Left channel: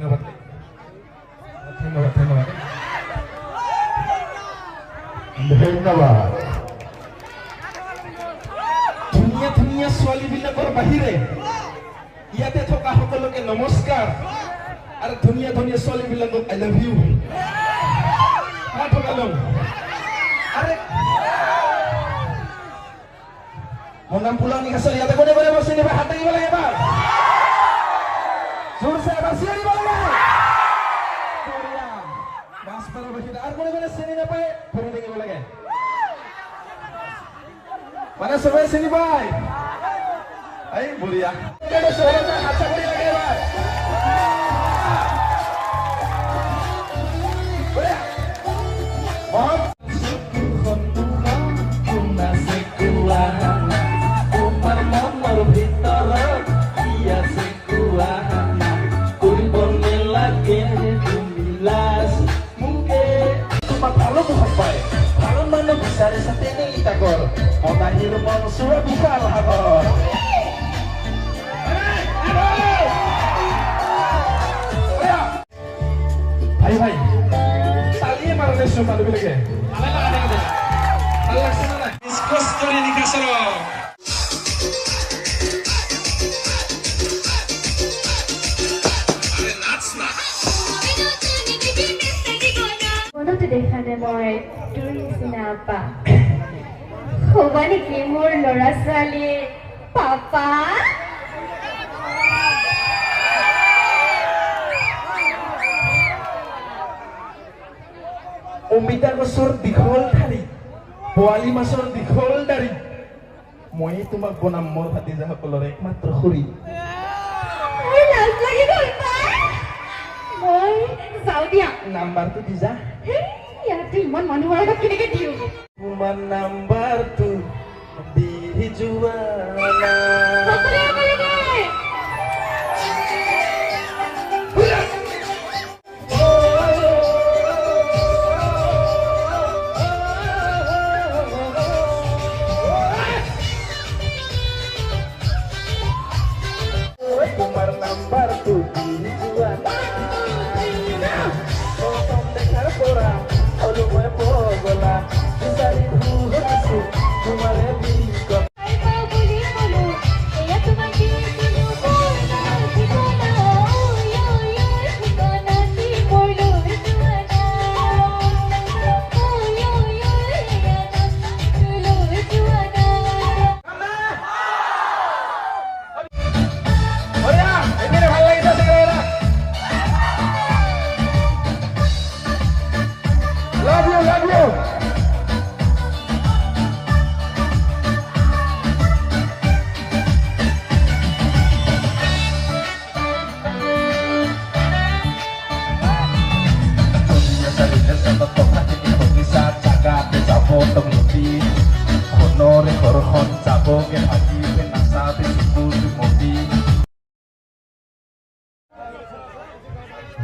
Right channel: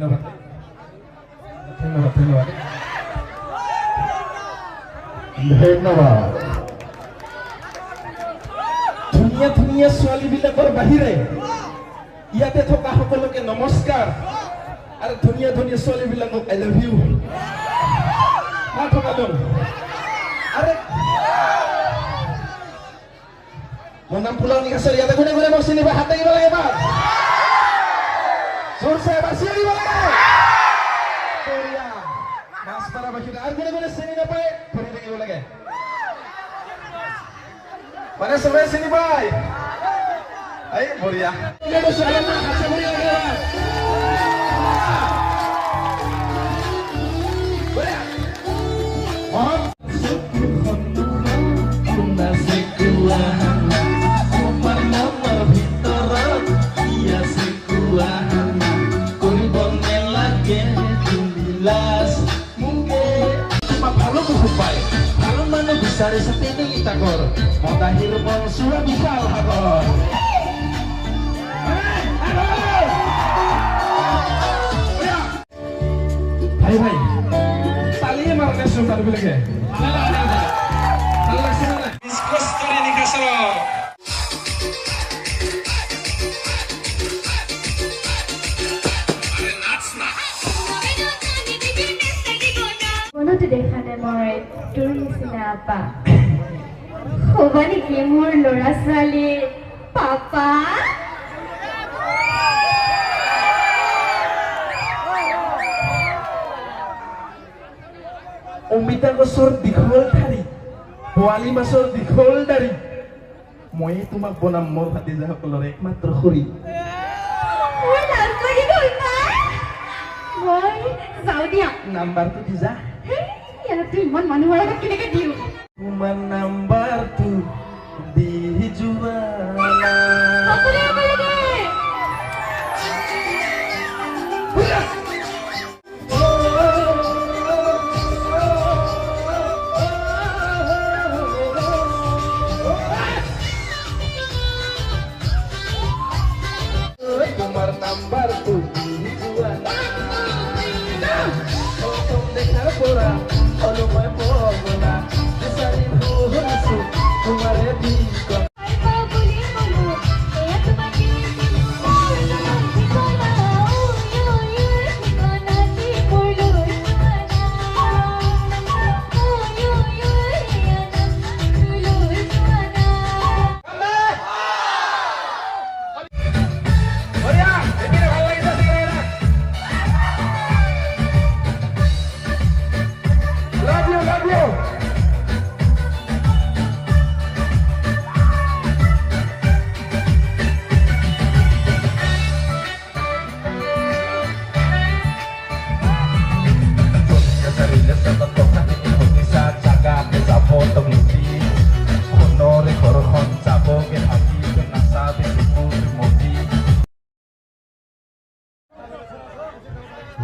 ধন্যবাদ ধন্যবাদ ধন্যবাদ ধন্যবাদ। ধুনীয়া ধুনীয়া ছোৱালীবিলাকৰ বাহিৰে ইয়াতে থকা সকলোকে নমস্কাৰ আৰু ধুনীয়া ধুনীয়া ছোৱালীবিলাকক আই লাভ ইউ আৰে মোৰ নাম পুলনি কাছাৰী। ইয়াতে কোনে কোনে মোৰ চিনি পাই হাত দাঙিব লাগে এবাৰ জোৰছে এবাৰ চিঞৰিব লাগে মাছপাৰা বাসিন্দা আৰু কোনে কোনে চিনি নাপায় ভৰি দাঙিব লাগে মানে চবে চিনি পায় এই বঢ়িয়া। Hai hai, talian marahnya semua lebih lagi. Allah sana. Diskusi story ni kasar. Mana tu dekha deh moi turis apa? Hoba ni kimur lora sali papa. অমিতা গছৰ দীঘল ঠাৰি পোৱালি মাছৰ দীঘল দাঢ়ি মই তোমাক বনাম মোৰ ভাতিজাসকলৰ একমাত্ৰ খুৰী। নাম্বাৰটো দি যা। ইমান মানুহৰ আগত কেনেকে দিওঁ তোমাৰ নাম্বাৰটো দি যোৱা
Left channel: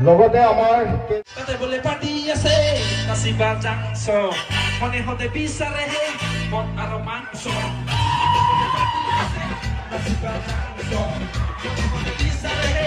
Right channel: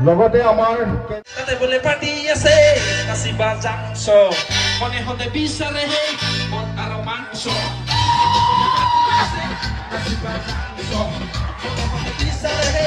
লগতে আমাৰ তাতে বলে পাৰ্টি আছে নাচিবা যাংছ মনে হতে বিচাৰে মন আৰু মাংস নাচিবা যাংছ বিচাৰে